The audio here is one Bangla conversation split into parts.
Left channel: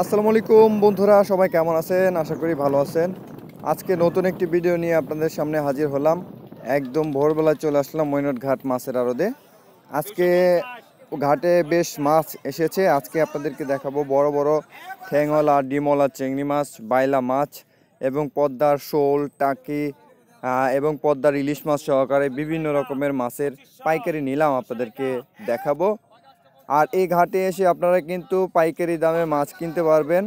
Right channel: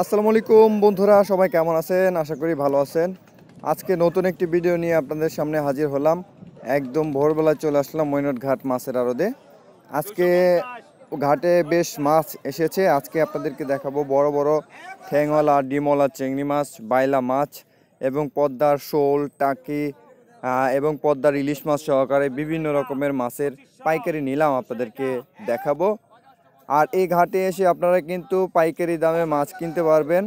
আসসালামু আলাইকুম বন্ধুরা, সবাই কেমন আছেন? আশা করি ভালো আছেন। আজকে নতুন একটি ভিডিও নিয়ে আপনাদের সামনে হাজির হলাম। একদম ভোরবেলায় চলে আসলাম মৈনট ঘাট মাছের আড়তে। আজকে ঘাটে বেশ মাছ এসেছে। আজকে আপনাদেরকে দেখাবো বড় বড় ঠ্যাংওয়ালা, ডিমওয়ালা চিংড়ি মাছ, বাইলা মাছ এবং পদ্মার শোল, টাকি এবং পদ্মার ইলিশ মাছ সহকারে বিভিন্ন রকমের মাছের পাইকারি নিলাম আপনাদেরকে দেখাবো। আর এই ঘাটে এসে আপনারা কিন্তু পাইকারি দামে মাছ কিনতে পারবেন।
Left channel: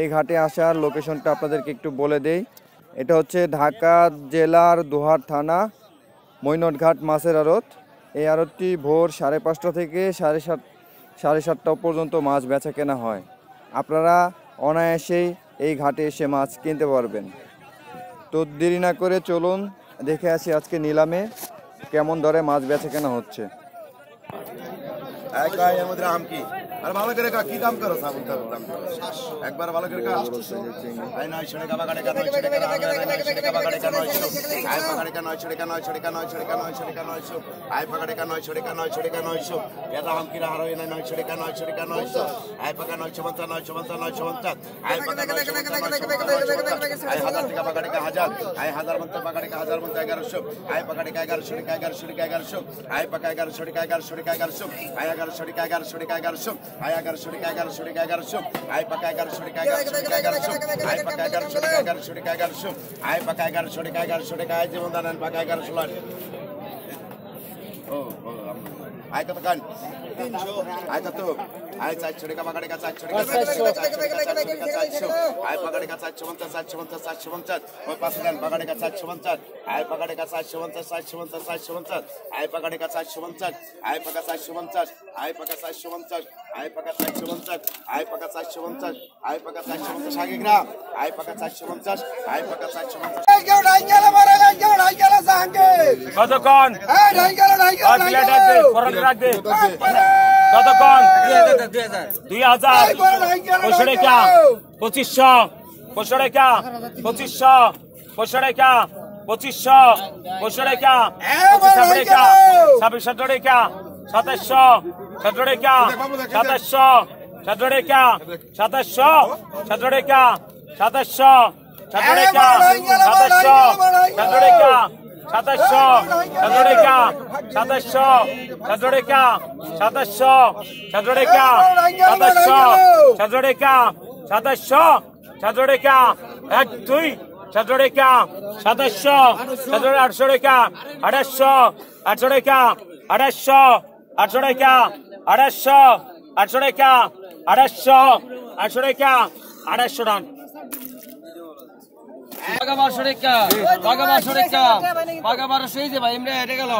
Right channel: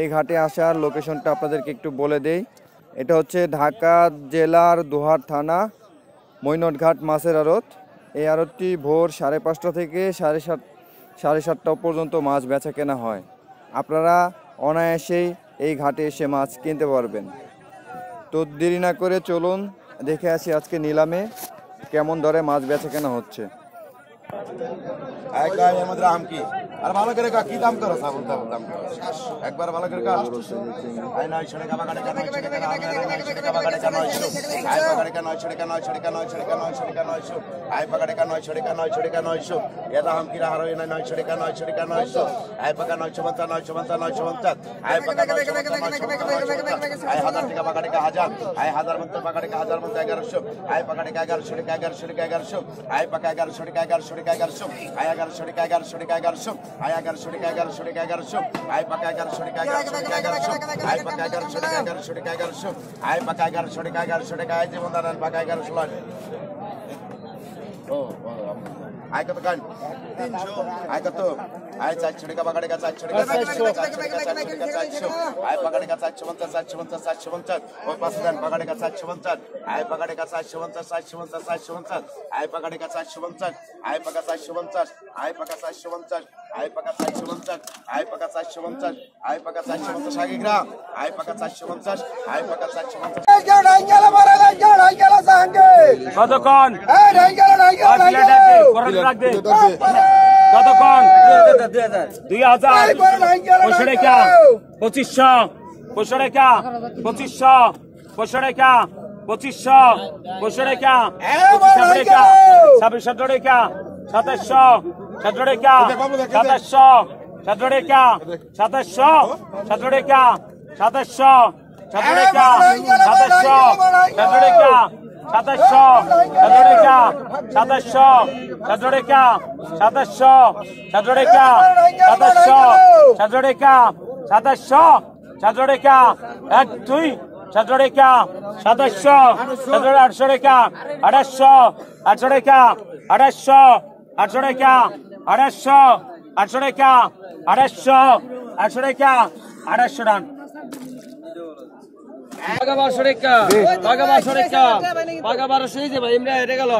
এই ঘাটে আসার লোকেশনটা আপনাদেরকে একটু বলে দেই। এটা হচ্ছে ঢাকা জেলার দোহার থানা মৈনট ঘাট মাছের আড়ত। এই আড়তটি ভোর 5:30 থেকে 7:30 পর্যন্ত মাছ বেচা কেনা হয়। আপনারা অনায়াসেই এই ঘাটে এসে মাছ কিনতে পারবেন। তো দেরি না করে চলুন দেখে আসি আজকে নিলামে কেমন দরে মাছ বেচা কেনা হচ্ছে। আর ভালো করে কি দাম করো সাবুন দাম একবার ভালো করে কাজ আই নয় ছড়ে কাবা গাড়ি কা নয় ছড়ে কা কাবা গাড়ি কা নয় আই পাগাড়ি কা নয় ছড়ে কা নয় ছড়ে কা নয় ছড়ে কা নয় ছড়ে কা নয় আই পাগাড়ি কা নয় ছড়ে কা নয় ছড়ে কা নয় এটা হাম কিরা হারো নয় ছড়ে কা নয় ছড়ে কা নয় আই পাগা নয় ছবন্তা নয় ছবন্তা নয় ছবন্তা আই পাগা নয় ছবন্তা আই হাজার টাকা পাগাড়ি কা হাজার আই হাজার মন্তে পাগাড়ি কা হাজার মন্তে 1100 আই পাগাড়ি কা 1100 টাকা 1100 আই পাগা 1100 টাকা 1100 টাকা 1100 আই 1100 টাকা 1100 টাকা 1100 আই 1100 টাকা 1100 টাকা 1100 আই পাকা 1100 টাকা 1100 টাকা 1100 আই পাকা 1100 টাকা 1100 টাকা 1100 আই পাকা 1100 টাকা 1100 টাকা আই যেমন দাঁড়ান পাকা 1100 লাখ ও আই কত কান 300 আই কত আই 400 টাকা পাকাড়ে কা 400 টাকা 400 আই পাকাড়ে কা 450 450 450 ও পাঁচ গান পাকাড়ে কা 450 আই পাকাড়ে কা 450 450 450 আই পাকাড়ে কা 450 আই পাকা 450 আই পাকা 450 আই পাকা 450 আই পাকা 450 আই পাকা 450 আগে গ্রাম আই পাকা 450 আই পাকা 450 ডাঙ্গালা মারা ডাঙ্গালা সাঙ্গে কতক্ষণ এই ডাঙ্গালা কতক্ষণ 2000 500 টাকা 2500 500 টাকা 2500 500 টাকা 2500 500 টাকা 2600 টাকা 2700 17 টাকা 2700 17 টাকা 2700 17 টাকা 2700 17 টাকা 2700 17 টাকা 2700 17 টাকা 2700 17 টাকা 17 টাকা 2700 17 টাকা 1 2 17 টাকা 2700 1800 টাকা 2800 800 টাকা 2800 800 টাকা 2800 800 টাকা 2800 800 টাকা 2800 টাকা পাকা 1200 টাকা পাকা 1200 টাকা পাকা 1200 এই যে ভাই আমরা এটা গেল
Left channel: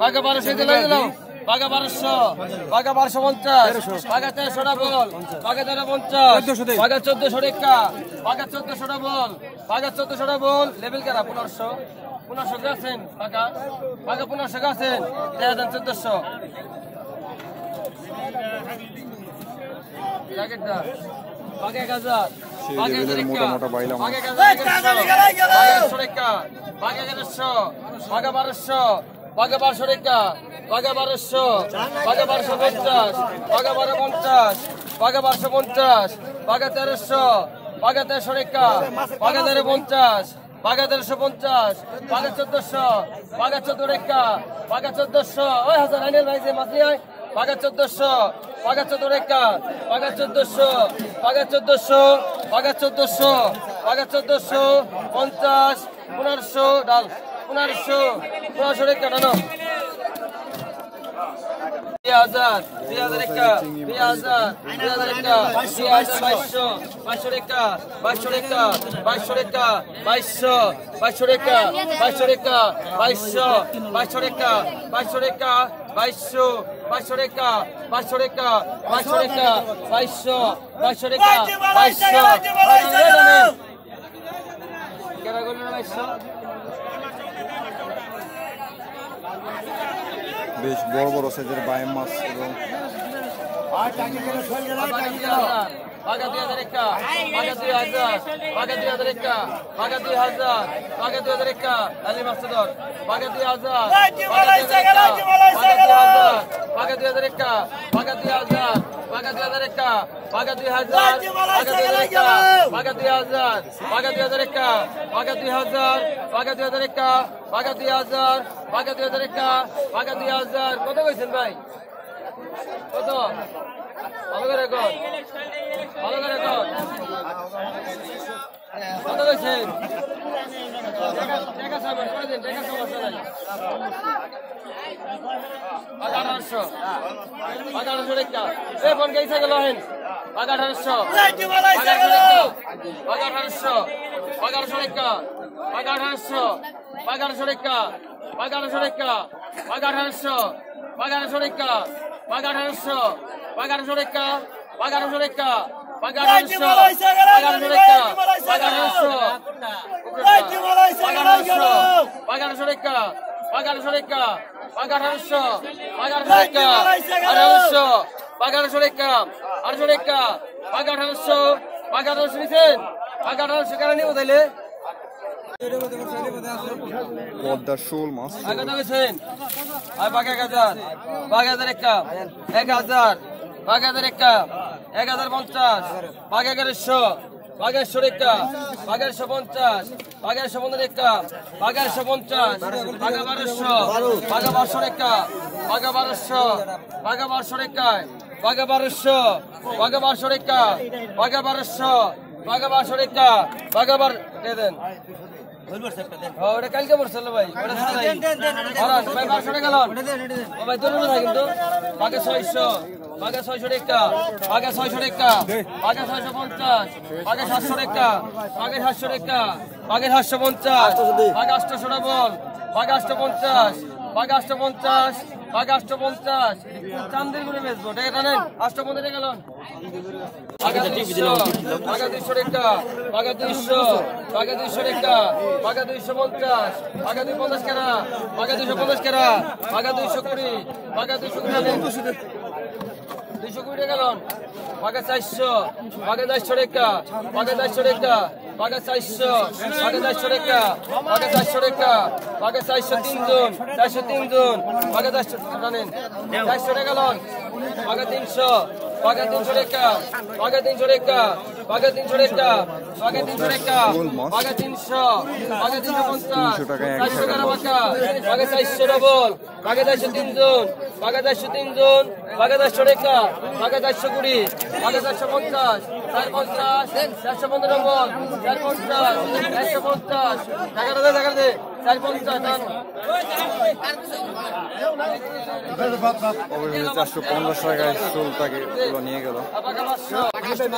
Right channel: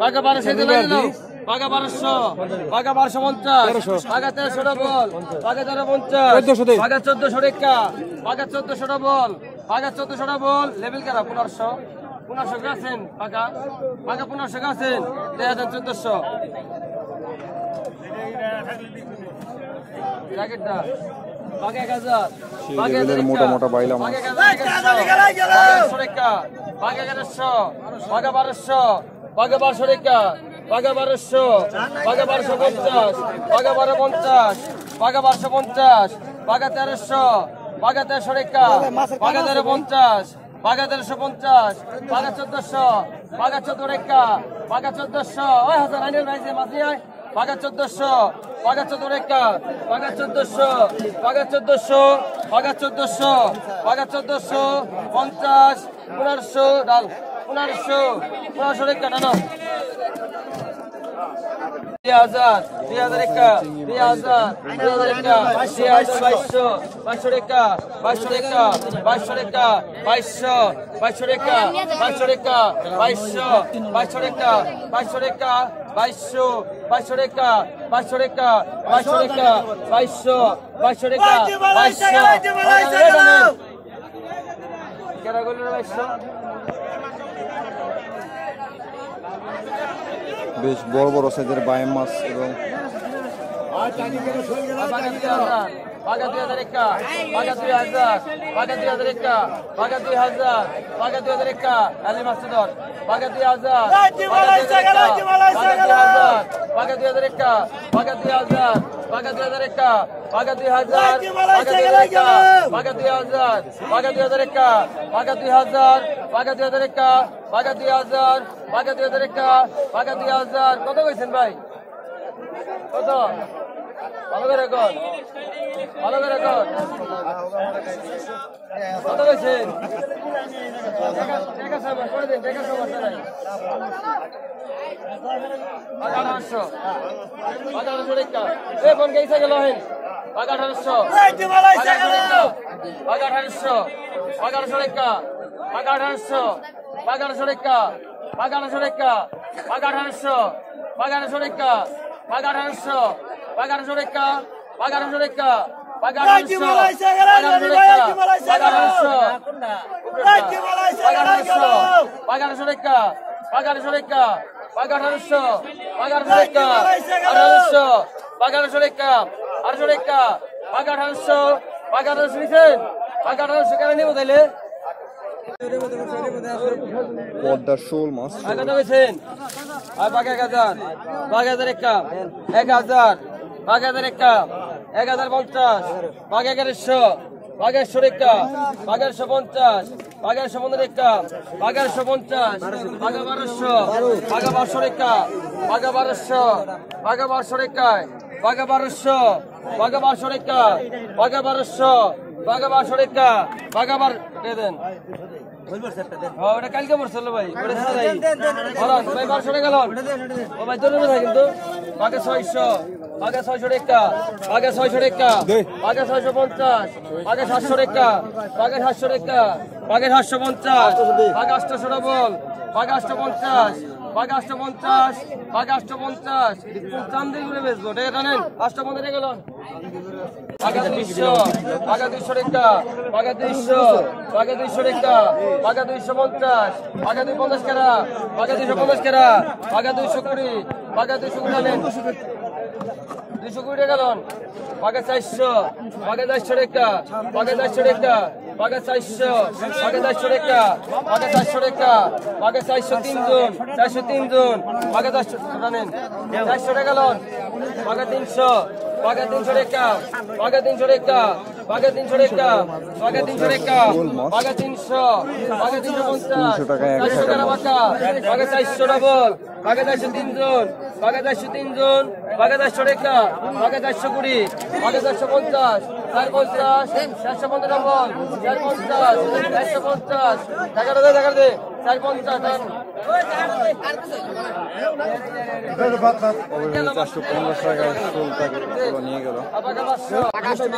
পাকা 1200 দিলে গেল পাকা 1200 পাকা 1250 পাকা 1300 বল পাকা 1350 পাকা 1400 টাকা পাকা 1400 বল পাকা 1400 বল লেভেল করা 1500 গাছেন পাকা পাকা 1500 গাছেন 1400 জ্যাকেটটা পাকা 1000 সেই লেভেলের মোটা মোটা বাইলা মাছ পাকা 1100 টাকা পাকা 1100 পাকা 1200 পাকা 1200 টাকা পাকা 1200 পাকা 1250 পাকা 1250 পাকা 1250 পাকা 1300 পাকা 1300 টাকা পাকা 1350 পাকা 1350 পাকা 1400 পাকা 14 টাকা পাকা 1400 ওই হাজার আইনের ভাই যে মাছ নিয়ে পাকা 1400 পাকা 14 টাকা পাকা 1400 পাকা 1400 পাকা 1400 পাকা 1400 50 1500 ডাল 1500 টাকা ডাল 2000 একটা 2000 একটা 2200 টাকা 2200 টাকা 2200 টাকা 2200 টাকা 2200 টাকা 2200 টাকা 2200 টাকা 2200 টাকা 2200 টাকা 2200 টাকা 2200 টাকা 2200 কেরা গেল 2200 বেশ বড় বড় সাইজের বাইম মাছ এবং পাকা 2000 টাকা পাকা 2000 পাকা 2000 টাকা পাকা 2000 পাকা 2000 টাকা আলী মাস্টার পাকা 2000 পাকা 2000 টাকা পাকা 2000 টাকা পাকা 2000 বাঘা 2001 বাঘা 2000 বাঘা 2000 বাঘা 2001 বাঘা 2000 বাঘা 2001 বাঘা 2000 বাঘা 2001 বাঘা 2000 কত কইছেন ভাই কত ভালো করে কর ভালো করে কর কত কইছেন ঠিক আছে করে দেন ঠিক আছে সমস্যা নাই 1800 1800 টাকা এ ফোন কেইসা গেল হেন 1800 1800 1800 টাকা 1800 1800 টাকা 1800 টাকা 1800 1800 টাকা 1800 1800 টাকা 1800 টাকা 1800 পদ্মার শোল মাছ বাঘা 1000 বাঘা 1000 বাঘা 1001 1000 বাঘা 1001 1050 বাঘা 1100 বাঘা 100 টাকা বাঘা 150 বাঘা 115 টাকা বাঘা 150 বাঘা 1200 বাঘা 1200 টাকা বাঘা 1200 বাঘা 1200 টাকা বাঘা 1200 বাঘা 1200 টাকা বাঘা 1200 বাঘা 1200 টাকা বাঘা 12 দে দেন ওটা কালকে পড়ছিল ভাই ওটা ভাই 1200 টাকা লোন ও ভাই দূরে না কিন্তু বাঘা 600 বাঘা 600 টাকা বাঘা 600 টাকা বাঘা 650 বাঘা 700 টাকা বাঘা 700 টাকা বাঘা 750 বাঘা 800 ডবল বাঘা 850 বাঘা 850 বাঘা 850 চান্দের করে বেচবো টাকা জানেন 850 টাকা লোন বাঘা 200 বাঘা 200 টাকা বাঘা 200 বাঘা 200 টাকা বাঘা 250 বাঘা 250 টাকা বাঘা 250 টাকা বাঘা 220 বাঘা 220 টাকা 220 টাকা লোন বাঘা 400 বাঘা 400 টাকা বাঘা 400 টাকা বাঘা 400 বাঘা 400 টাকা বাঘা 400 টাকা বাঘা 403 জন 403 জন বাঘা 400 জানেন 400 টাকা লোন বাঘা 300 বাঘা 300 টাকা বাঘা 300 টাকা বাঘা 300 টাকা বাঘা 300 টাকা বাঘা 300 বাঘা 350 300 টাকায় 400 টাকা বাঘা 400 ডবল বাঘা 403 জন বাঘা 403 জন বাঘা 400 টাকা বাঘা 420 বাঘা 450 450 450 ডবল 450 450 টাকা দে টাকা দে 450 অবশ্যই 415 টাকায় শোলটাকে পুরো নিয়ে গেল বাঘা 500 750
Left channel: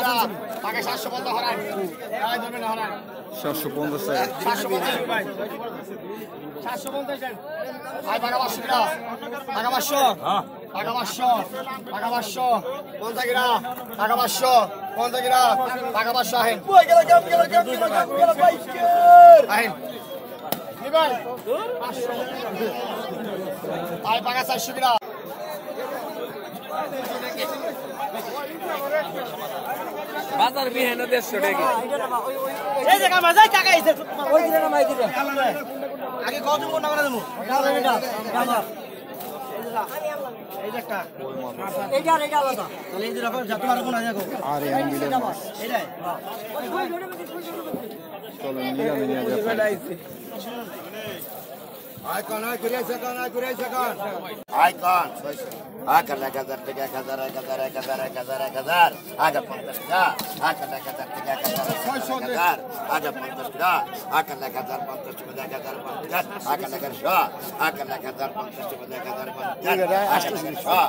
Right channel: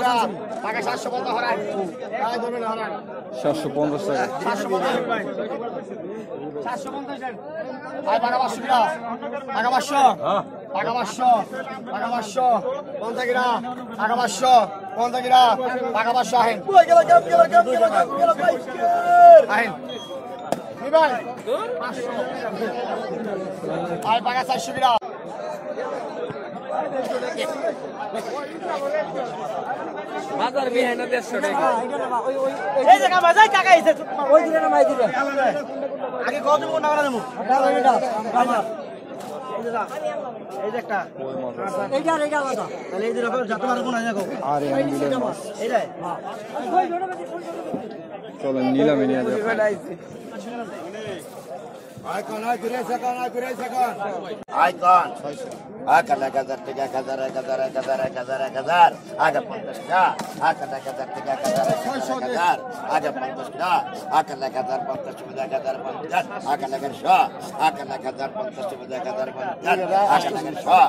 টাকা বাজার বিহানো 150 টাকা এই জায়গা বাজাই টাকা এসে ওই দিলে না মাই দিলে আগে কত কোন টাকা দেবো এই যে একটা এইটা আলাদা তাহলে এই যে রকম যত আর কোন আছে আর এই বিলের মাছ এইটাই চলেন নিলামে নিয়ে যাবে Icon. Aka 1000 টাকা 1000 aga 50 টাকা aka 1000 টাকা 1000 aga 50 টাকা aka 1050 টাকা 1050 aka 100 aka 1050 টাকা 1050 aka 100 aka 1050 টাকা 1050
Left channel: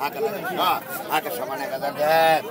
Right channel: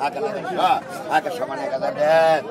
aka 100 aka সমান 1000 দেন